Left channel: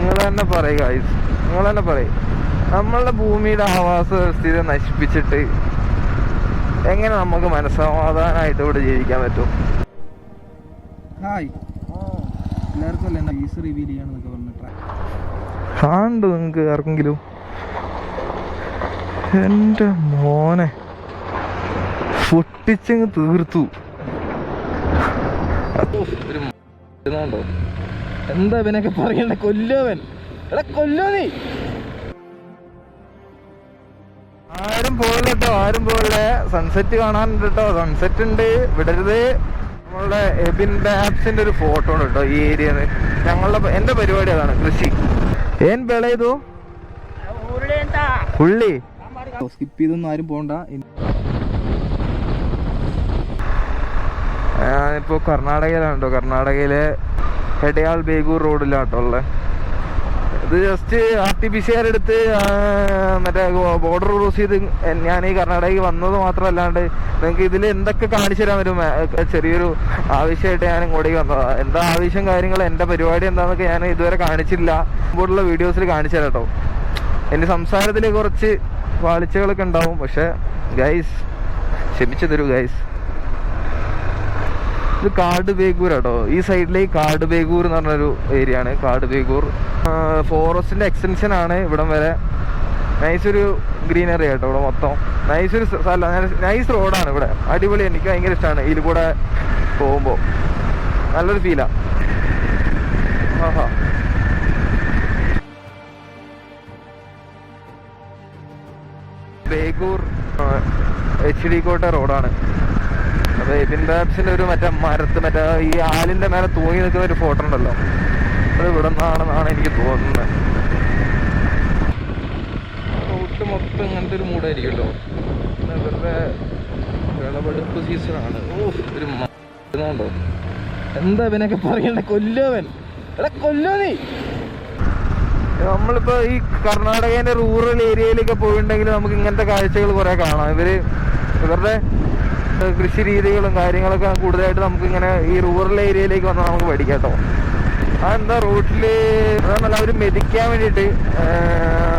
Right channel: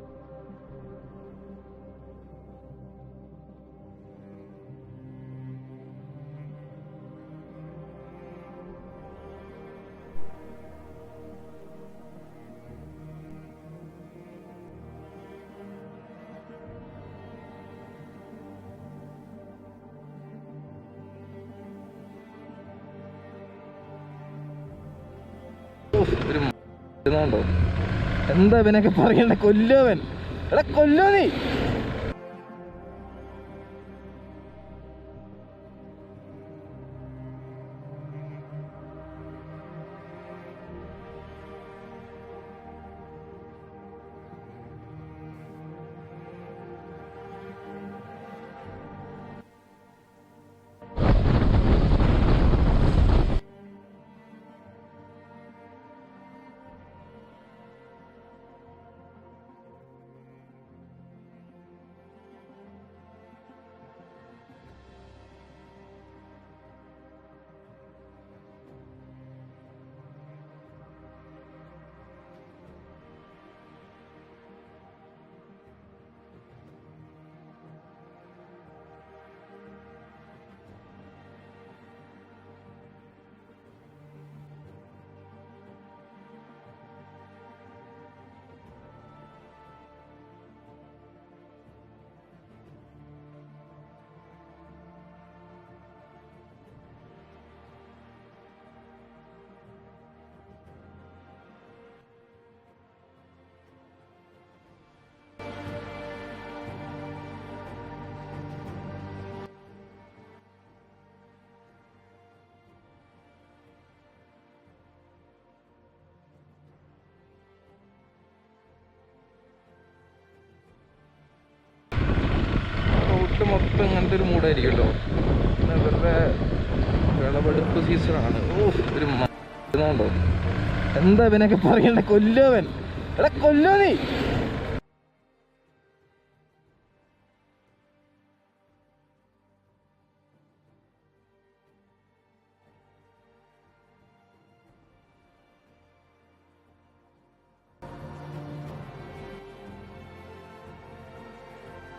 നിങ്ങൾ തന്നെ പറയുക, നിങ്ങൾ തന്നെ പറയും. നമ്മളുടെ ഭൂമിയുടെ ആവാസ വ്യവസ്ഥയെ നശിപ്പിച്ചിട്ട് എങ്ങനെ നമുക്ക് മനസ്സമാധാനമായിട്ട് ഇവിടെ ജീവിക്കാൻ പറ്റും? കാണണ്ടോ നിങ്ങൾക്ക് ആർക്കെങ്കിലും? എൻ്റെ മോനെ പൊട്ടിച്ചങ്ങ് തീർത്തു. ഒരു എന്താ ഇവനൊക്കെ പറയണ്ട? കൊല്ലോവൻ, എടാ കൊല്ലോ നീ. ആരും പോകില്ല കേട്ടോ, ആരും പോകില്ല. സൺസെറ്റ് കാണാനുണ്ട് കേട്ടോ, സൺസെറ്റ് ഉണ്ട്, വിടരുത്. നമ്മളുടെ എബിൻ ബാബ്സിന്റെ ഒരു ഫോട്ടോ ഉണ്ട് കേട്ടോ ഈ ഏരിയന്ന്. എന്റെ പരിപാടി അതാണ്, കൃഷി. ഏൻ വിളയതോ ഉള്ളി. സ്കിപ്പ് ചെയ്തൊന്നും ആരും പോണ്ട. ഞാനിപ്പോ കർണാടകയിലാണ് കേട്ടോ, കർണാടകയിലെ ഹെഡയാൾ ബേഗൂർ റോഡിലാട്ടോ ഉള്ളത്. ഇത് ജസ്റ്റ് RTPCR എടുത്ത് മറ്റേ ബോർഡർ ക്രോസ് ചെയ്ത് ഞാൻ ഈ കർണാടകയിൽ വന്നത് മാത്രമല്ലാണ്ട് നിങ്ങൾക്ക് ഇതിൽ എന്തൊക്കെ കാണിച്ചു തരാൻ പറ്റും. ചെറിയൊരു ആവശ്യമായിട്ട് ഞാൻ ഇങ്ങോട്ടേക്ക് വന്നതാണ്. എന്താ ആവശ്യം, കാര്യങ്ങൾ, എൻ്റെ പരിപാടി എന്താണെന്നൊക്കെ ഞാൻ ഇതുവരെ കാണിച്ചില്ല. മുമ്പോട്ടുള്ള വീഡിയോസിൽ കാണിച്ചു തരാം കേട്ടോ. എൻ്റെ സംസാരത്തിൽ കുറച്ച് പാളിച്ചകളൊക്കെ ഉണ്ടാവും, പക്ഷെ ഗൈസ് ക്ഷമിച്ചു തരൂ ഗൈസ്. ഇത് കാട് ബേഗൂർ കേട്ടോ. ഈ സൈഡിലേക്ക് കാട് ബേഗൂർ എന്ന് പറഞ്ഞൊരു ഏരിയ ആണ്. കാട് ബേഗൂർ ഫോറസ്റ്റിന്റെ എക്സ്റ്റൻഷൻ ആണ് ഇവിടം വരെ. നൈസൊരു ഗ്രീനറി കേട്ടോ ഇവിടെ മൊത്തം. നൈസൊരു സ്ഥലം, നൈസ് റോഡാണ് ഇവിടെ, അടിപൊളി. എനിക്ക് ഭയങ്കര ഇഷ്ടമാണ് ഇതിൽ കൂടെ പോകുമ്പോൾ, നല്ലൊരു ഫീലാ. ആഹാ, ബേഗൂർ HD കോട്ട റോഡാണ്. അപ്പൊ എബിൻ ബാബ്സിന്റെ ഒരു മറ്റേ ഈ ആലിന്റെ മേലെ തൂങ്ങി നിൽക്കുന്ന ഒരു ഫോട്ടോ ഉണ്ടല്ലോ, അത് ഇവിടെ നിന്നാണെന്നാണ് എനിക്ക് തോന്നുന്നത്. റോട്ട് മൊത്തം ഇങ്ങനത്തെ ഒരു മൂടായിരിക്കുമല്ലോ. ഇവരുടെ വിളവെടുപ്പ് സീസണാണ്. ഒരു ണ്ടോ എന്താ ഇവനൊക്കെ പറയണ്ട? കൊല്ലോവൻ, എടാ കൊല്ലോ നീ. നമ്മളിപ്പോ ഈ കർണാടകേന്റെ റൂറൽ ഏരിയയിലൊക്കെ പോയിട്ടുണ്ടെങ്കിൽ നമുക്ക് ഇങ്ങനത്തെ കാഴ്ചകൾ കുറെ കാണാം. ഇവരുടെ കൃഷി രീതികളും കാര്യങ്ങളൊക്കെ കൂടുതലായിട്ട് നമുക്ക് ഇങ്ങനെ ഈ റൂറൽ ഏരിയയിലേക്ക് വന്നാൽ നമുക്ക് പഠിക്കാം കേട്ടോ. അതെന്താ റോട്ടില് അതല്ല, അവർ മെതിക്കാൻ വേണ്ടിയിട്ട്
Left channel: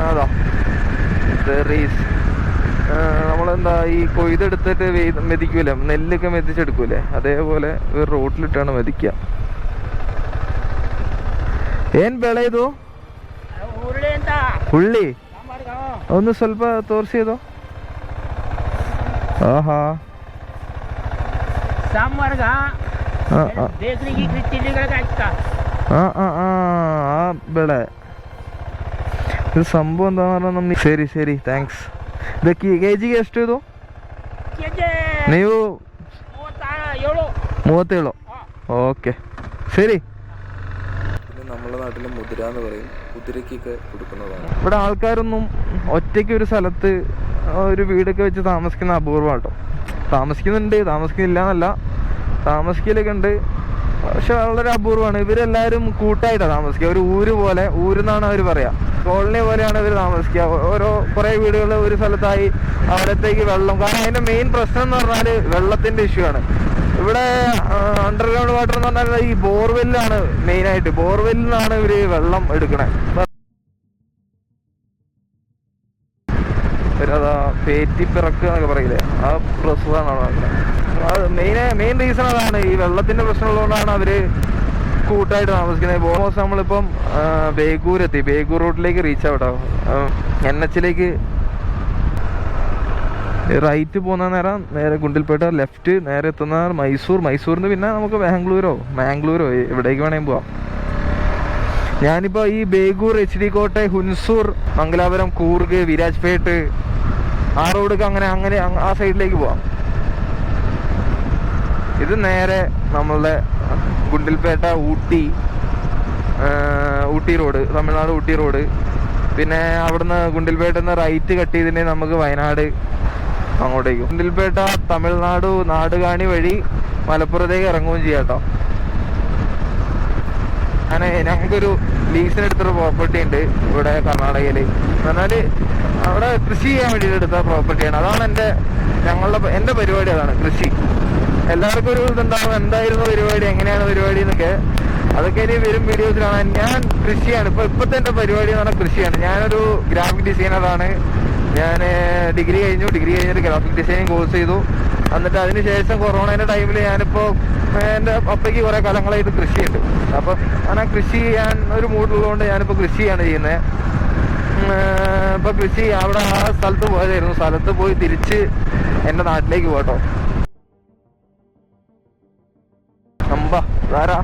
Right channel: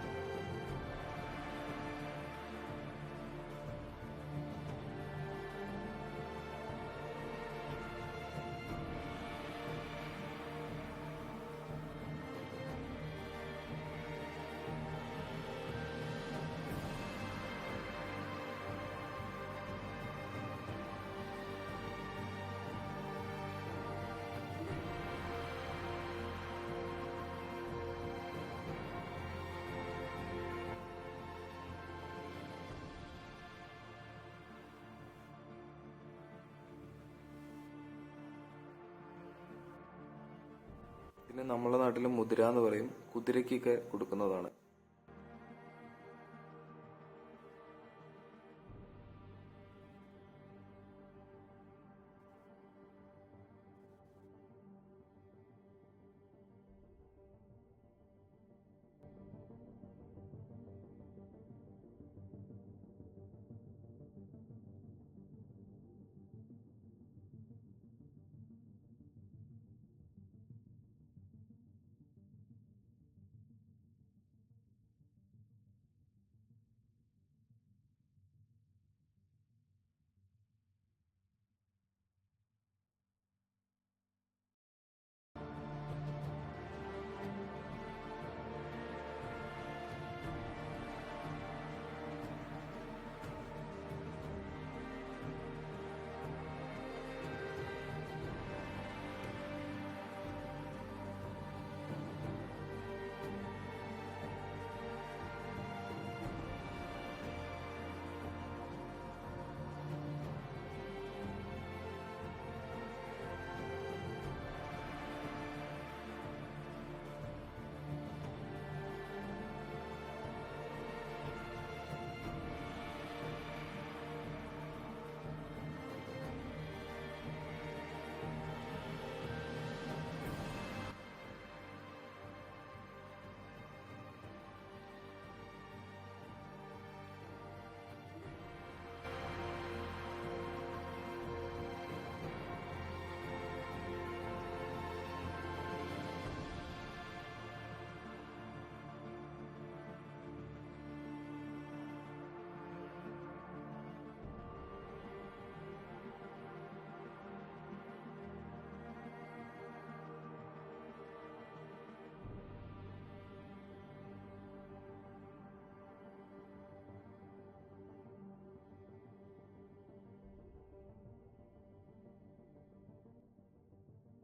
അതാ റീസ് നമ്മളെന്താ ഈ കൊയ്തെടുത്തിട്ട് മെതിക്കൂലേ, നെല്ലൊക്കെ മെതിച്ചെടുക്കൂലേ, അതേപോലെ ഇവർ റോട്ടിലിട്ടാണ് മെതിക്കുക. ಏನ್ ಬೆಳೆ ಇದು? ಹುಳ್ಳಿ. ಒಂದು ಸ್ವಲ್ಪ ತೋರಿಸಿ ಇದು. ಆಹಾ, ಆ ಬೆಳೆ ಇದು ಸಂಭವ ಅಂತ ನಮ್ಗೆ. ಸರಿ ಸರಿ, ಥ್ಯಾಂಕ್ಸ್. ಇದಕ್ಕೆ ಕೆಜಿಗೆ ಎಷ್ಟು ಇದು? ನೀವು 37. ഓക്കെ, ശരി. പിന്നെ നമ്മുടെ നാട്ടിൽ മുതിര എന്ന് പറയും, കുതിരക്കൊക്കെ കൊടുക്കുന്നതാണ്. ഇവിടെ ആൾക്കാരൊന്നും ഒറ്റയ്ക്ക് ഒരു സ്ഥലത്ത് ഒരു വീടൊക്കെ വെച്ച് താമസിക്കുന്ന അപൂർവം കേട്ടോ. താമസിക്കുന്നുണ്ട്, താമസിക്കുന്നില്ല എന്നല്ല, താമസിക്കലൊക്കെ ഉണ്ട്, പക്ഷെ വളരെ അപൂർവമാണ്. ഇവരെല്ലാവരും കൂട്ടായിട്ടാണ് താമസിക്കുക. ഒരു ഊര് പോലെ, ഊരെന്നാണ് അവർ പറയാ, കോളനി പോലെയാണ് ഇവർ താമസിക്കുക. കുറേ വീടുകൾ ഒരു സ്ഥലത്തായി, അവിടത്തേക്ക് വെള്ളം. കാരണം അതിന്റെ മെയിൻ പ്രശ്നം എന്ന് പറഞ്ഞാൽ വെള്ളത്തിന്റെ ഇഷ്യൂ ആണ്. ഇവിടെ അണ്ടർഗ്രൗണ്ട് വാട്ടർ എന്ന് പറഞ്ഞാൽ ഈ ബോർവെല്ലാണ് മെയിനായിട്ട്. ബോർവെല്ലിൽ നിന്നാണ് ഇവര് വെള്ളം എടുക്കണേ. അതാ പേറ്റിപ്പിറക്കുക എന്നൊക്കെ പറയില്ലേ, ആ പ്രശ്നമാണ് നടക്കുന്നത്. അത് മെയിൻ റീസൺ അതാണ്, ഈ വെള്ളത്തിന്റെ പ്രശ്നമുള്ളതുകൊണ്ടാണ് അവര് കൂട്ടായിട്ട് താമസിക്കുന്നത്. ഓൾമോസ്റ്റ് നമ്മളിപ്പം ബേഗൂർ എത്തി. ബേഗൂർ റൂട്ടിലേക്ക് റീച്ച് ആവട്ടോ. NH റൈറ്റ് പോകുന്ന നേരെ ഗുണ്ടിൽപേട്ട, ലെഫ്റ്റ് നേരെ എത്തുന്ന മൈസൂറിന് പിന്നെ നമുക്ക് മാംഗ്ലൂരോ എവിടേക്ക് വേണമെങ്കിൽ പോവാം. ഞാനിപ്പോ ഈ ബേഗൂർ, HD കോട്ട, ഹുൻസൂർ, മംഗലാപുരം, കൂർഗ്, വിരാജ്പേട്ട് ആ റോഡൊക്കെ അങ്ങനെ ആ സൈഡിലേക്ക് പോവാം. ഇത് നേരെ നമ്മളുടെ ഗുണ്ടിൽപേട്ട, ഊട്ടി റോഡ്, തമിഴ്നാട് ഊട്ടി റോഡ്. പിന്നെ അവിടുന്ന് ഗുണ്ടിൽപേട്ടന്ന് റൈറ്റ് കട്ട് ചെയ്തിട്ടുണ്ടെങ്കിൽ നമുക്ക് വയനാട് അങ്ങോട്ടേക്ക്. ഗുണ്ടിൽപേട്ട തമിഴ്നാട് നാടുകാണി വഴി മലപ്പുറത്തേക്ക് ഇറങ്ങുകയും ചെയ്യാം കേട്ടോ. ഞങ്ങൾക്കൊരു ലീസിനെടുത്തൊരു പ്രോപ്പർട്ടി ഉണ്ട് ഇവിടെ കർണാടകയിൽ. പറഞ്ഞാൽ അവിടെ കൃഷി ചെയ്യാൻ വേണ്ടിയിട്ട് എടുത്ത പ്രോപ്പർട്ടിയാണ്. അതാണ് എൻ്റെ പരിപാടി, അതാണ് കൃഷി. എല്ലാവർക്കും ഒരു ഇതുണ്ടാവും, എന്തായിരുന്നു പരിപാടി, എങ്ങനെയാണ് പരിപാടി എന്നൊക്കെ. അതൊക്കെ ഇനി വരും വീഡിയോസിലാണ്. ഞാൻ കൃഷിയാണ് ഇപ്പോഴത്തെ എൻ്റെ പരിപാടി എന്ന് പറഞ്ഞാൽ കൃഷിയാണ്. ഞാനൊരു ഗ്രാഫിക് ഡിസൈനറാണ്. ഞാൻ ഡിഗ്രി കഴിഞ്ഞിട്ട് ഗ്രാഫിക് ഡിസൈനിങ് കോഴ്സ് ചെയ്തു. എന്നിട്ട് അതിന് ശേഷം കൊറോണയുടെ ടൈമിൽ ഞാനിപ്പോൾ എൻ്റെ അപ്പയ്ക്ക് കുറേ കാലങ്ങളായിട്ട് കൃഷിയുണ്ട്. അപ്പം അങ്ങനെ കൃഷി ചെയ്യാൻ ഒരു മൂഡുള്ളതുകൊണ്ട് ഞാനിപ്പോൾ കൃഷിയാണ് ചെയ്യുന്നത്. ഇപ്പം കൃഷി അവിടെ ആ സ്ഥലത്ത് പോയതായിരുന്നു. സ്ഥലത്ത് പോയി തിരിച്ച് എൻ്റെ നാട്ടിലേക്ക് പോട്ടോ. ധാരാ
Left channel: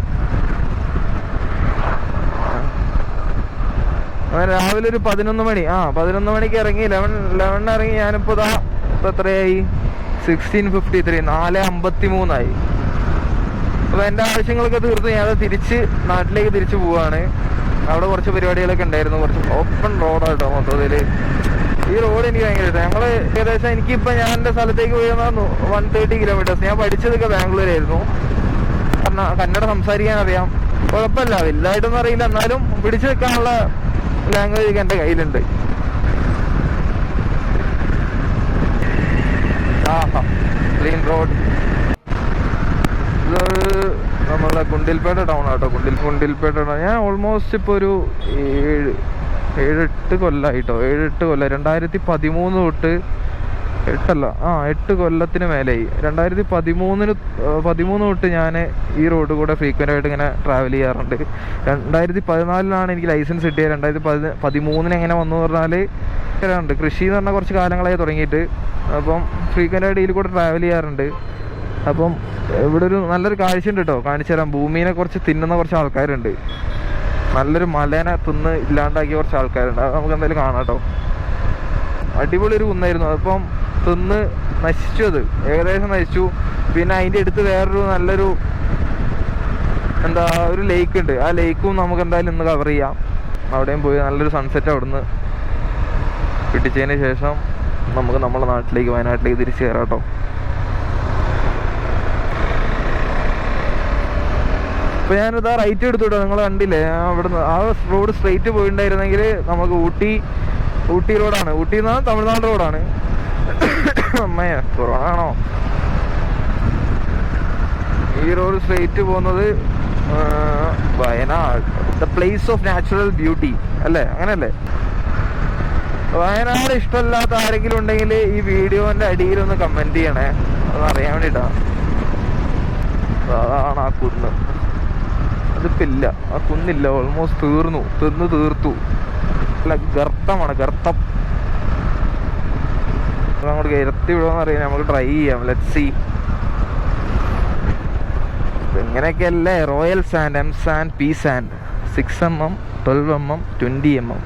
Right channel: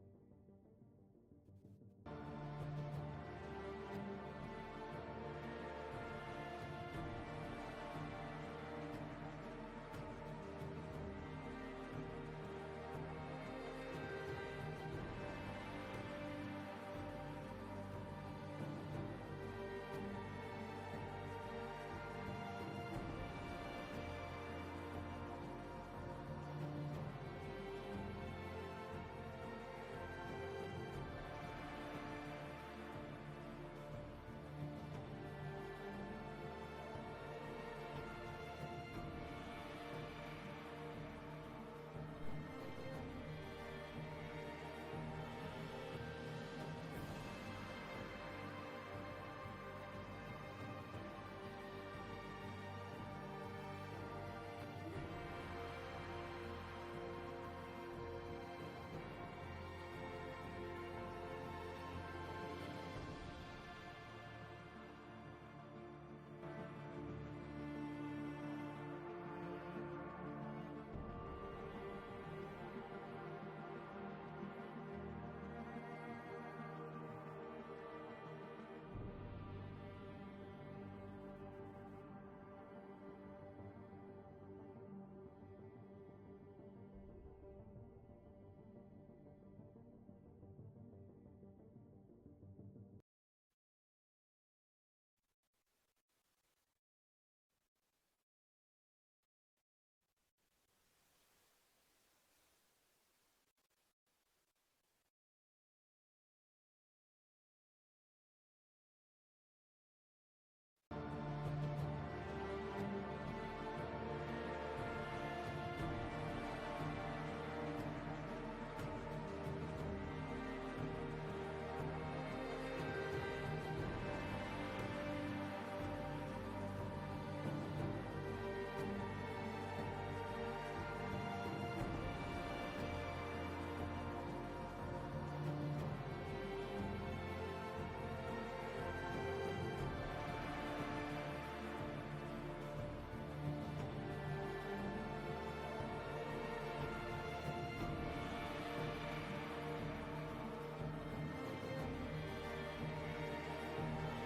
രാവിലെ ഒരു 11 മണി 11 മണിക്ക് ഇറങ്ങി. 11 ഇറങ്ങി. ഞാനിപ്പോ ഇപ്പൊ എത്രയായി? 16:53, 4:53 അപ്പൊ എന്റെ ആവശ്യങ്ങളൊക്കെ തീർത്ത് ഞാൻ തിരിച്ച് നാട്ടിലേക്ക് തിരിച്ചു പോവാണ്. അവിടെ കുറച്ച് പരിപാടികളൊക്കെ ഉണ്ടായിരുന്നു. കുറച്ച് ഓപ്പൺ റോഡാട്ടോ മൊത്തത്തില്. ഈ റോഡ് എനിക്ക് ഭയങ്കര ഇഷ്ടം. ഞങ്ങള് ഏകദേശം എനിക്കിപ്പോ ഞാൻ എന്റെ സ്ഥലത്തേക്ക് പോയി 130 കിലോമീറ്റേഴ്സ്. ഞാൻ പഠിച്ചതൊക്കെ ബാംഗ്ലൂരായിരുന്നു. കന്നഡ സംസാരിക്കാൻ അറിയാം, കുഴപ്പമില്ല. വലുതായിട്ടൊന്നും അറിയില്ല, എന്നാലും പിടിച്ചു വെക്കാനുള്ള ലാംഗ്വേജ് ഒക്കെ എന്റെ കയ്യിലുണ്ട്. Clean road. ഇത് നമ്മളെ ഗുണ്ടിൽപേട്ട ടൗൺ ആട്ടോ. ഗുണ്ടിൽപേട്ട ടൗൺ. ഞാൻ ഓൾമോസ്റ്റ് ഇപ്പോൾ ഒരു 7-8 കൊല്ലമായിട്ടോ. 7-8 കൊല്ലം. 2013 തൊട്ട് 8 കൊല്ലത്തിന് മേലെയായി. 2013 തൊട്ട് ഞാൻ ഈ റോഡ് കൂടെ ഫ്രീക്വൻ്റ് ആയിട്ട് ഇങ്ങനെ ട്രാവൽ ചെയ്യാറുണ്ട്. 2014 എനിക്ക് ലൈസൻസ് കിട്ടിയത്. 2013 എങ്ങനെ വന്നു പറഞ്ഞാൽ കൃഷി എന്ന് പറഞ്ഞാൽ കുറച്ച് കാലങ്ങളായി തുടങ്ങിയിട്ട്. അപ്പം ഫ്രീക്വൻ്റ് ആയിട്ട് ഇതിൽ കൂടെ ട്രാവൽ ചെയ്യാറുണ്ട്. അപ്പം ഇവിടെ ഒരു നല്ലൊരു കാഴ്ച ഉണ്ട് കേട്ടോ, കാണിച്ചു തരാം. ഭൂമിനെ കുറച്ച് തിന്നുന്ന കുറച്ച് ആൾക്കാരുണ്ട്. നല്ലൊരു മലേനെ തിന്ന് ഇല്ലാണ്ടാക്കിയ കുറച്ച് ആൾക്കാരുണ്ട്. അത് നമുക്ക് എന്തായാലും കാണാം കേട്ടോ. അടിപൊളി ഒരു കുന്നായിരുന്നു. അതിപ്പം തിന്ന് നശിച്ചു. അത് ഏകദേശം നശിച്ചു. പിന്നെ അതിൻ്റെ അടുത്ത് വേറൊരു നല്ലൊരു ഒരു ലേക്ക് ഉണ്ട്. ആ ലേക്കും നമുക്ക് എന്തായാലും ഇന്ന് കവർ ചെയ്യാം. അവിടെയും പോയി നല്ലൊരു സൺസെറ്റ് അവിടുന്ന് പിടിച്ചതിന് ശേഷം നമുക്ക് നമ്മുടെ നാട്ടിലേക്ക്, വയനാട്ടിലേക്ക് തിരിച്ചു കയറാം കേട്ടോ. ഇപ്പൊ ഞാനിതാ റൈറ്റ് എടുത്തുട്ടോ. നിങ്ങൾ കണ്ടില്ലേ, അവിടുന്ന് ആ റോഡ് സ്ട്രെയിറ്റ് പോയിട്ടുണ്ടായിരുന്നെങ്കിൽ നമുക്ക് ഊട്ടി റോഡാണ്. ഊട്ടി എന്നാണ് തമിഴ്നാട് റോഡാണ്. അമ്മയാ കൊറോണ ആണോ? ഈ റോഡ് സ്ട്രെയിറ്റ് പോകുന്നത് Wayanad, the place of natural beauty അല്ലേ, അങ്ങനല്ലേ? വയനാട് ഇഷ്ടമല്ലാത്ത ആരെങ്കിലും ഉണ്ടെങ്കിൽ ഈ വീഡിയോന്റെ അടിയിലൊന്ന് കമന്റ് ചെയ്യണേ, അതറിയാൻ വേണ്ടിട്ടാ. അതാണ് ആ കുന്ന്. അതിപ്പോ ഇല്ല, ആ കുന്നില്ല. ഓൾമോസ്റ്റ് തീർത്തു. അല്ല, ഗർത്തമാണ്, ഗർത്തം. അങ്ങോട്ട് കയറ്റി വിടുമെന്ന് അറിയാം. നമുക്ക് ട്രൈ ചെയ്യാം. Let's see. ഇങ്ങനെയൊക്കെയല്ലേ royal sand, M sand, P sand. 6 mm, 12 mm, 20 mm.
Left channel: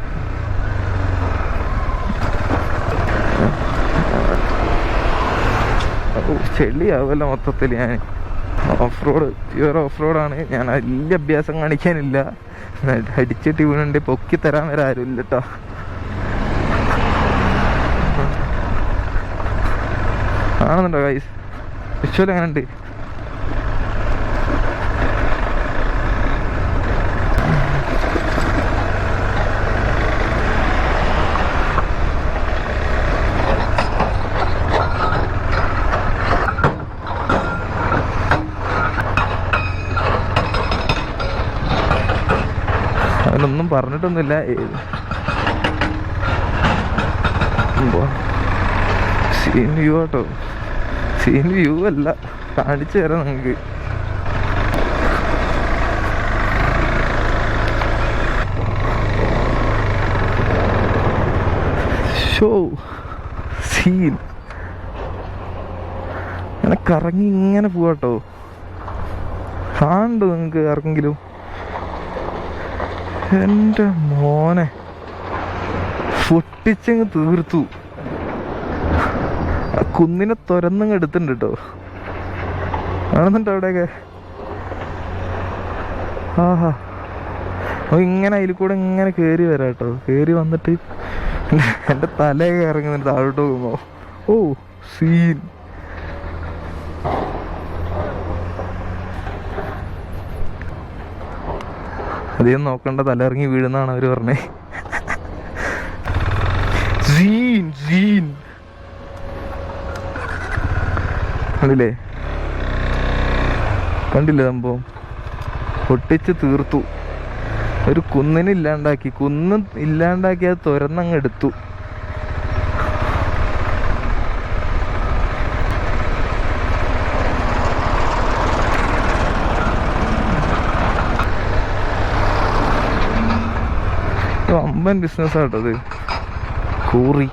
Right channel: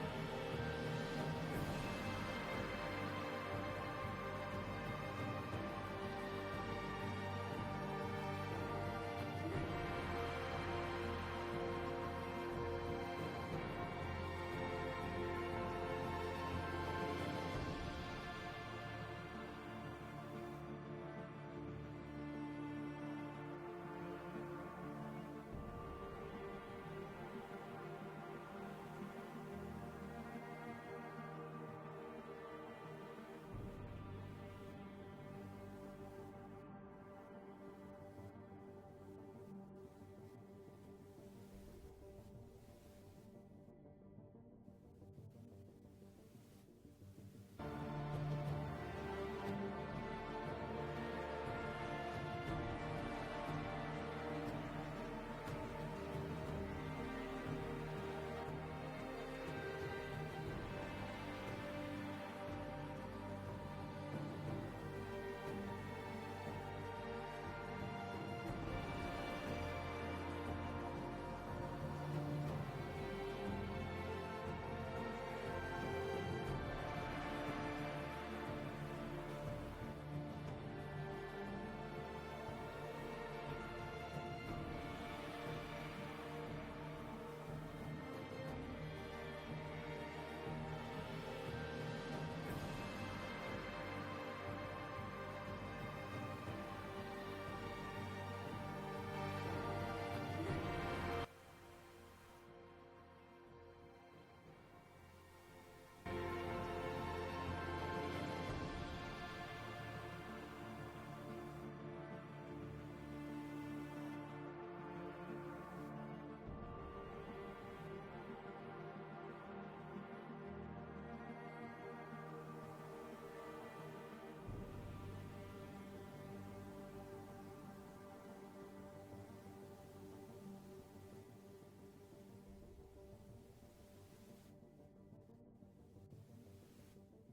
ചെളിയാവല്ലോ മൊത്തത്തിൽ. ഞാൻ പ്യുവർ ഓഫ് റോഡാണ്. ഞാൻ വലിയ അഭ്യാസം കാണിക്കാനില്ല. അടിച്ചിട്ട് വീണുണ്ട് പൊക്കി തരാൻ വരെ ആരും ഇല്ല കേട്ടോ. കാണുന്നുണ്ടോ ഗൈസ്? വിഷ്വൽ എങ്ങനെ ഉണ്ട്? അവനൊന്നും പറഞ്ഞിട്ടൊന്നുമില്ല. സീൻ വ്യൂ ആട്ടോ. സീൻ വ്യൂ അല്ല, കാണിച്ചു തരാം നിങ്ങൾക്ക്. Show scene. അങ്ങനെ കറങ്ങി ഇങ്ങനെ പോവാട്ടോ. കാണണ്ടോ നിങ്ങൾക്ക് ആർക്കെങ്കിലും? എൻ്റെ മോനെ പൊട്ടിച്ചങ്ങ് തീർത്തു. ആ കുന്നിനെ തുരന്നങ്ങ് എടുത്തിട്ടുണ്ട് കേട്ടോ. കാണുന്നുണ്ടോ അവിടെയൊക്കെ? ആഹാ, ഇങ്ങനെ അതിൽ കൂടെ ഇങ്ങനെ കയറി വരാം കേട്ടോ. കയറി വന്നിട്ട് എൻ്റെ തലയൊക്കെ ഇറങ്ങുന്നുണ്ട് താഴോട്ട് പോകുമ്പോ. ഓ സീൻ. അധികം നോക്കണ്ട, തല ഇറങ്ങി വീഴുന്നാണ് അവര് പറഞ്ഞേ. കണ്ടില്ലേ സംഭവം? പൊട്ടിച്ച് തീർത്തു. ഒരു കുന്നിനില്ലാണ്ടാക്കി, കുന്ന് ഇല്ലാണ്ടാക്കി അത് തുരന്നങ്ങ് എടുത്തു. അമ്പൻ ബിസിനസ്സാട്ടത്. കൂറി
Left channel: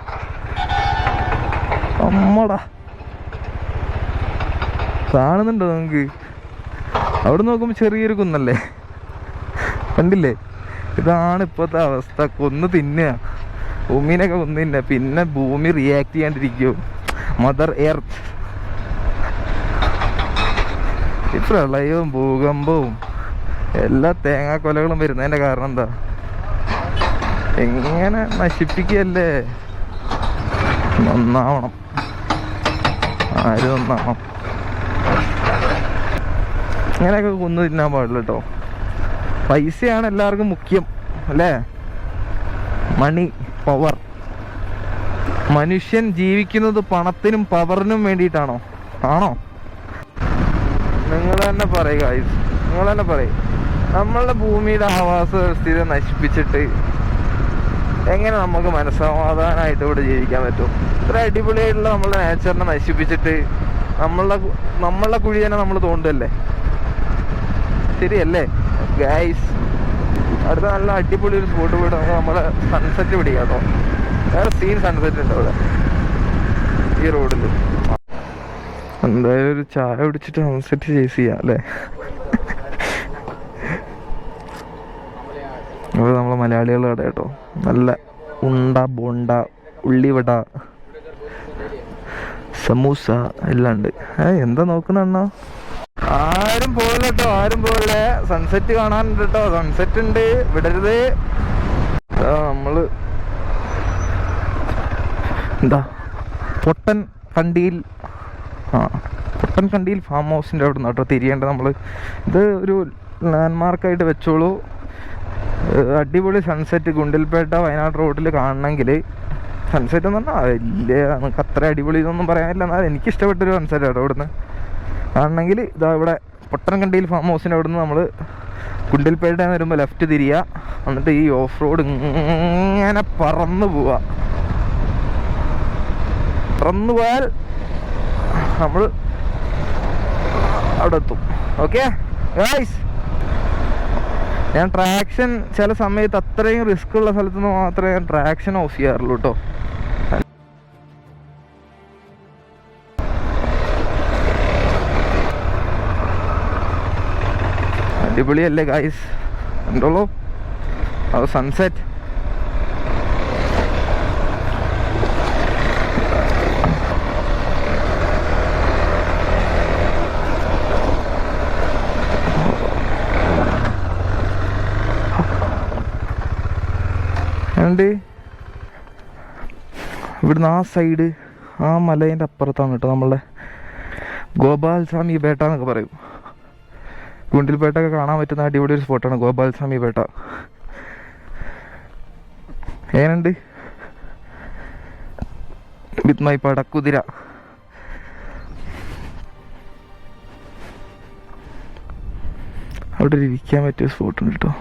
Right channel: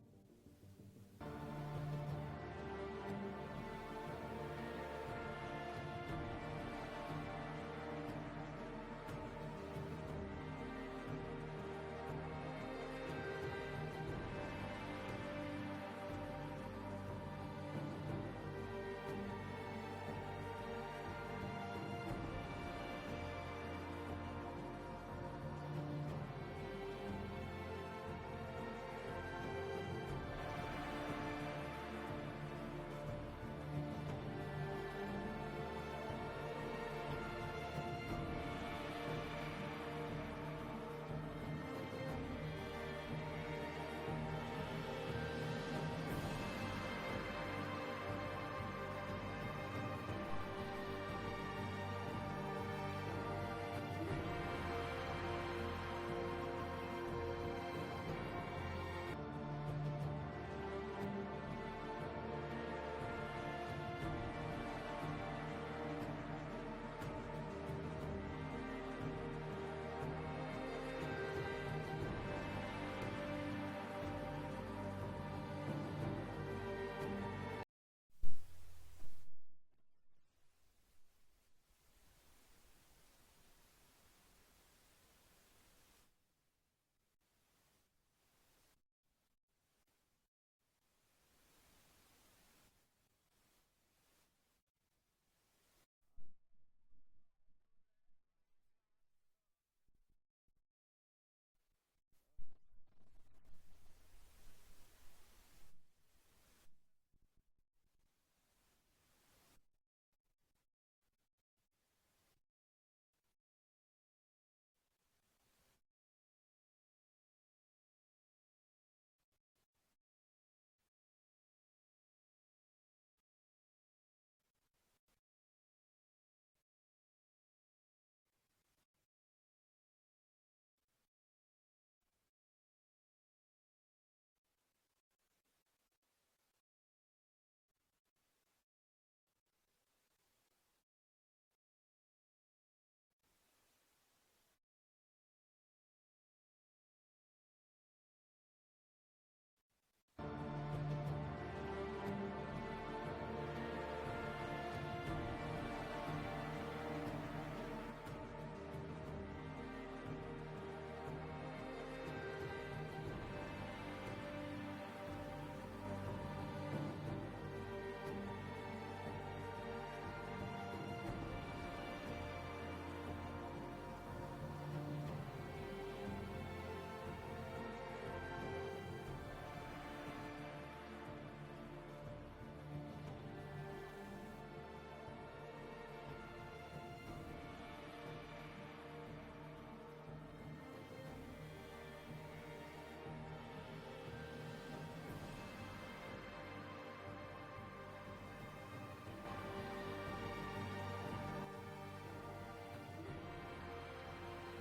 അമ്മടാ, കാണുന്നുണ്ടോ നമുക്ക്? അവിടെ നോക്കുമ്പോൾ ചെറിയൊരു കുന്നല്ലേ, കണ്ടില്ലേ? ഇതാണ് ഇപ്പോഴത്തെ അവസ്ഥ. കൊന്ന് തിന്നുക, ഭൂമിനൊക്കെ കൊന്ന് തിന്നുക. പിന്നെ ഭൂമി റിയാക്ട് ചെയ്യാണ്ടിരിക്കുമോ? Mother earth. ഈ പ്രളയവും ഭൂകമ്പവും എല്ലാ തേങ്ങാക്കൊലകളും വരുന്നതിൻ്റെ കാരണം എന്താ? എങ്ങനെ നശിപ്പിക്കുകയല്ലേ? നന്നാവണം, ആര് നന്നാവണം? ഇങ്ങനെയൊക്കെ കൊന്നു തിന്നാൻ പാടില്ല കേട്ടോ. പൈസയാണ് എല്ലാവർക്കും മുഖ്യം അല്ലേ? മണി, പവർ. മനുഷ്യൻ ജീവിക്കുന്നത് പണത്തിനും പവറിനും വേണ്ടിയിട്ടാണോ? ആണോ? നിങ്ങൾ തന്നെ പറയുക, നിങ്ങൾ തന്നെ പറയും. നമ്മളുടെ ഭൂമിയുടെ ആവാസ വ്യവസ്ഥയെ നശിപ്പിച്ചിട്ട് എങ്ങനെ നമുക്ക് മനസ്സമാധാനമായിട്ട് ഇവിടെ ജീവിക്കാൻ പറ്റും? ഇത്ര അടിപൊളിയായിട്ടുള്ള നമ്മളുടെ നേച്ചറിനെ നശിപ്പിച്ചിട്ട് നമ്മളുടെ കുഴി തന്നെ നമ്മൾ തോണ്ടല്ലേ? ശരിയല്ലേ ഗൈസ്? അടുത്ത നല്ല അടിപൊളി ഒരു സ്പോട്ട് പോയിട്ട് നമുക്ക് നമ്മളെ സൺസെറ്റ് പിടിക്കാം കേട്ടോ. വേറെ സീൻ സൺസെറ്റ് ഉണ്ട് അവിടെ ഈ റോഡിൽ. എന്തായാലും ഒരു ചായ പിടിച്ചിട്ട് സൺസെറ്റ് ചേസ് ചെയ്യാം അല്ലേ? അപ്പോൾ നമ്മളെ മലയാളികളുടെ കട കേട്ടോ. നല്ല ഉണ്ട, ബോണ്ട, ഉള്ളിവട, സമൂസ എല്ലാം ഉണ്ട്. എന്താ നോക്കുന്ന അണ്ണാ? ആരും പോകില്ല കേട്ടോ, ആരും പോകില്ല. സൺസെറ്റ് കാണാനുണ്ട് കേട്ടോ, സൺസെറ്റ് ഉണ്ട്, വിടരുത്. നമ്മള് എന്താ പൊട്ടൻ കണ്ടിയിൽ ഫാം ഹൗസിൻ്റെ അവിടെ നിന്ന് കേട്ടോ തിരിയേണ്ടത് നമ്മൾ. ഇത് ഒരു ലാൻഡ്മാർക്കായിട്ട് വെച്ചോളൂ. അടിപൊളി സൺസെറ്റ് ഗുണ്ടിൽപേട്ട വയനാട് റോഡിൽ കാണണമെങ്കിൽ, സൺസെറ്റ് എന്ന് പറഞ്ഞാൽ വലിയ നമുക്ക് അത്ര അടിപൊളി ഇതൊന്നും പറയാനില്ല, എന്നാൽ എനിക്കിഷ്ടപ്പെട്ടൊരു സൺസെറ്റ് കേട്ടോ. ഇവിടുന്ന് കാണണമെങ്കിൽ ഇതാ ഇവിടെ പൊട്ടൻകണ്ടിയിൽ ഫാം ഹൗസിൻ്റെ അവിടെ നിന്ന് നമ്മൾ ഗുണ്ടിൽപേട്ട വരുമ്പോൾ ലെഫ്റ്റ് തിരിയുക. എന്നിട്ട് ഈ ഓഫ് റോഡ് ഇങ്ങനെ പറന്നു പോവാ. പറന്നു പോയാൽ നമ്മൾ അവിടെ എത്തും. ഓക്കെ ഗൈസ്, ഞാൻ ട്രാക്ഷൻ ചില സമയത്ത് അത്രയും റിസ്ക് ഉള്ള സ്ഥലത്ത് നിന്ന് മാത്രമേ ഞാൻ ട്രാക്ഷൻ ഓഫ് ചെയ്യാറുള്ളൂ കേട്ടോ. അടിപൊളിയല്ലേ ഗൈസ്? കണ്ടോളൂ അത് സൺസെറ്റ്. ഇവിടുന്ന് ആ സൈഡ്, ആ മലേൻ്റെ അപ്പുറത്താണ് കേട്ടോ നമ്മളുടെ ഗോപാൽസ്വാമി പേട്ട എന്നൊക്കെ പറയും. ഗുണ്ടിൽപേട്ടൊക്കെ കാണാൻ പറ്റുന്ന അടിപൊളി ഒരു സ്പോട്ടാണ് ഗോപാൽസ്വാമി പേട്ട. ഏനുണ്ട് വിത്ത് മൈ പടക്കുതിര. അവിടെ ഇരിക്കാൻ പറ്റിയ സ്പോട്ടുണ്ട് കേട്ടോ.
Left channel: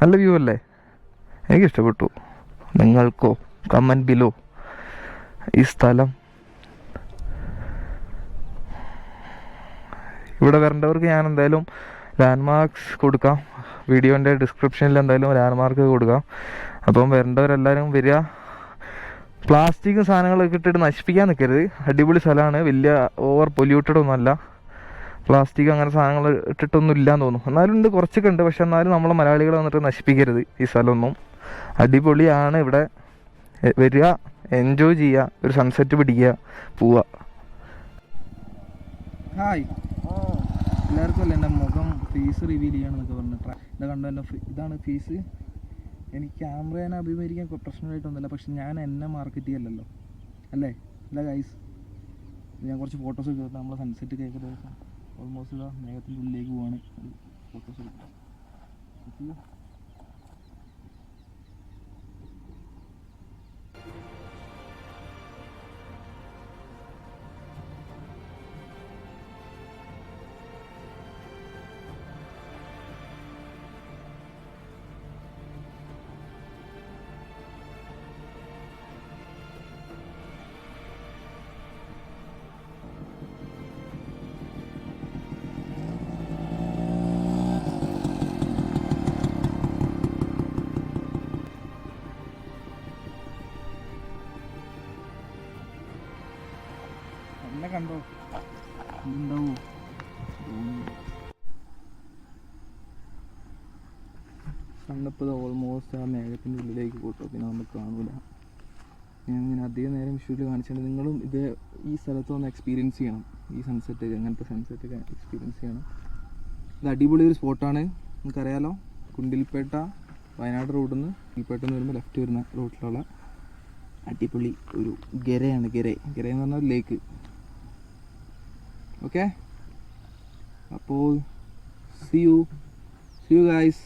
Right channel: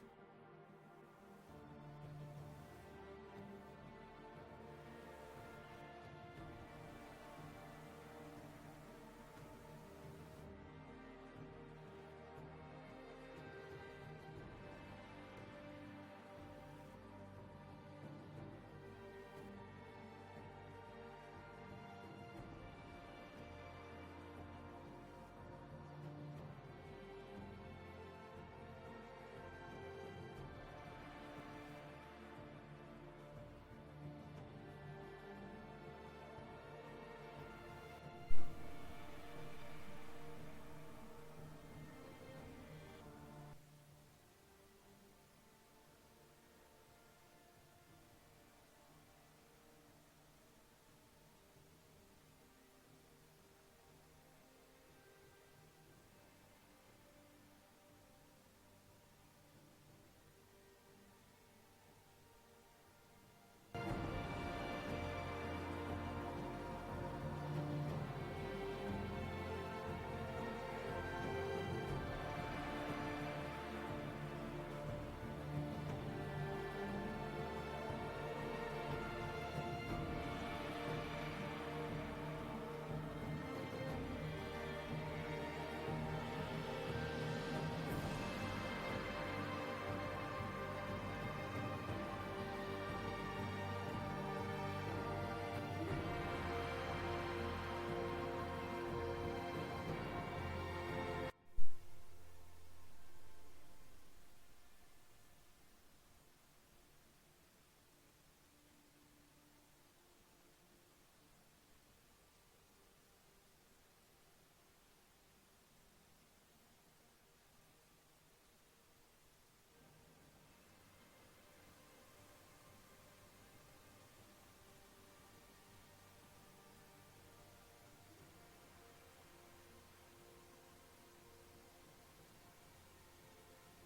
നല്ല വ്യൂ അല്ലേ? എനിക്കിഷ്ടപ്പെട്ടു. നിങ്ങൾക്കോ? Comment below. ഈ സ്ഥലം ഇവിടെ വരേണ്ടവർക്ക് ഞാൻ എന്തായാലും ലാൻഡ്മാർക്സ് കൊടുക്കാം. വീഡിയോൻ്റെ ഡിസ്ക്രിപ്ഷനിൽ എന്തായാലും ലാൻഡ്മാർക്ക് കൊടുക്കാം. അപ്പം വരേണ്ടവരെല്ലാവരും വരിക. പ്ലാസ്റ്റിക്കും സാധനങ്ങളൊക്കെ ഇട്ടിട്ട് നശിപ്പിക്കാൻ നിൽക്കരുത്. അടിപൊളി സ്ഥലമാണ്, വലിയ ഓവർ പൊല്യൂട്ടഡ് ഒന്നുമല്ല. പ്ലാസ്റ്റിക് അങ്ങനെ സാധനങ്ങൾ ഇട്ടിട്ടൊന്നും ഇല്ലയെന്ന് തോന്നുന്നു. എന്നാലും ഉണ്ട്, കുറച്ചൊക്കെ ഉണ്ട്. പക്ഷെ എന്നാലും നമ്മളെ മലയാളികൾ വന്നിട്ട് നശിപ്പിക്കരുത് ഈ സ്ഥലമൊന്നും. അടിപൊളിയാണ് ഇവിടെ. വരിക, എൻജോയ് ചെയ്യുക, ഒരു സൺസെറ്റ് പിടിക്കുക, പോവുക. ഹായ് എല്ലാവർക്കും അല്ലേ എൻ്റെ മുഖം ഫേസ് റിവീൽ ചെയ്യണമെന്നൊക്കെ പറഞ്ഞിട്ട് ഇത് കണ്ടോ? എൻ്റെ ഇതാണ് ഫേസ്. എനിക്ക് ക്യാമറേനെ അഭിമുഖീകരിക്കാൻ പ്രശ്നമായിട്ടൊന്നുമില്ല, പക്ഷെ ഞാൻ എന്നെ മാർക്കറ്റ് ചെയ്യല്ലോ അല്ലേ? ഇല്ല ഗൈസ്, ഞാൻ കുറച്ച് ഫോട്ടോസ് ഒക്കെ നമ്മളെ സൺസെറ്റ് കേൾക്കുന്ന ദിവസം ഓൾമോസ്റ്റ് ഇതാ മേഘത്തിൻ്റെ ഉള്ളിലേക്ക് പോവാണ്. കണ്ടോ കണ്ടപ്പോൾ ഓൾമോസ്റ്റ് ആ മേഘത്തിൻ്റെ ഉള്ളിലേക്ക് പോട്ടോ, പിന്നെ നമുക്ക് കാണൂല. ഞാൻ അധികം നേരം വിഷ്വല് കാണിച്ചിട്ടുണ്ട്. നിങ്ങളും ഇത് ഈ സ്ഥലത്ത് ഒന്ന് എക്സ്പീരിയൻസ് ചെയ്യണം. ഈ സൺസെറ്റ്, അങ്ങനത്തെ സൺസെറ്റൊക്കെ എക്സ്പീരിയൻസ് ചെയ്യണം. ഇത് അടിപൊളി ഒരു സ്പോട്ടാണ്. നിങ്ങൾക്കറിയാലോ, കുണ്ടിൽപേട്ട വയനാട് റോഡിൽ നിന്ന് കുണ്ടിൽപേട്ടയിൽ വരുമ്പോൾ ലെഫ്റ്റ് വരുന്ന റോഡിലുള്ള അടിപൊളി ഒരു ഗരയാണ്. ഗര എന്ന് പറഞ്ഞാൽ ലേക്ക്. ഓക്കെ, അപ്പോൾ see you guys.